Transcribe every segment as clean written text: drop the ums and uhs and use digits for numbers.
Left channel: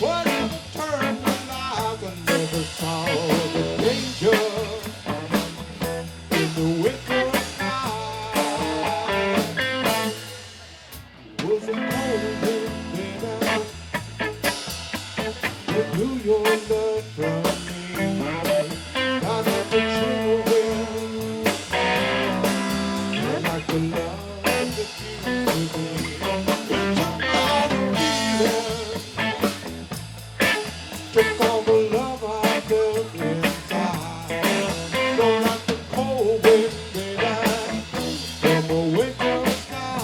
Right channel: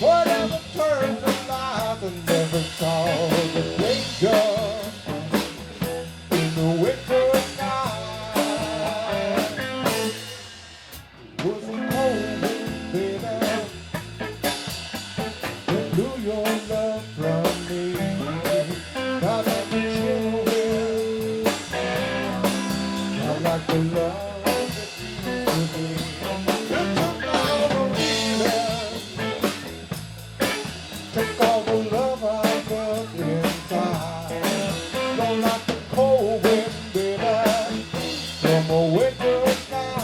Whatever turned to life and never saw the danger in the winter sky. Was a cold baby, you blew your love from me. Now that the children, like the love that you gave. Took all the love I felt inside. Don't have to cold wind, baby, from a winter sky.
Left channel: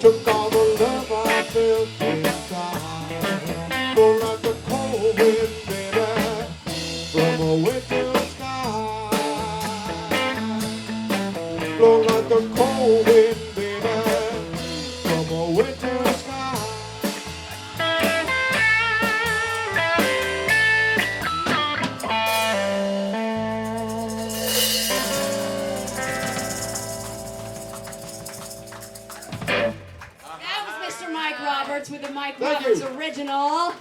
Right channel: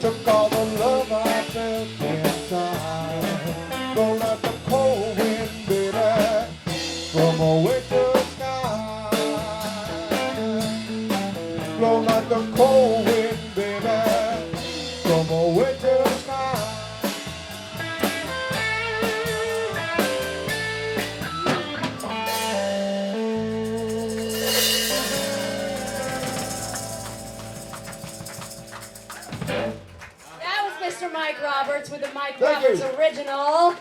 Took all the love I felt inside. Blow like a cold wind, baby, from a winter sky. Blow like a cold wind, baby, from a winter sky. Mr. Mike Roberts with the Mike Roberts original.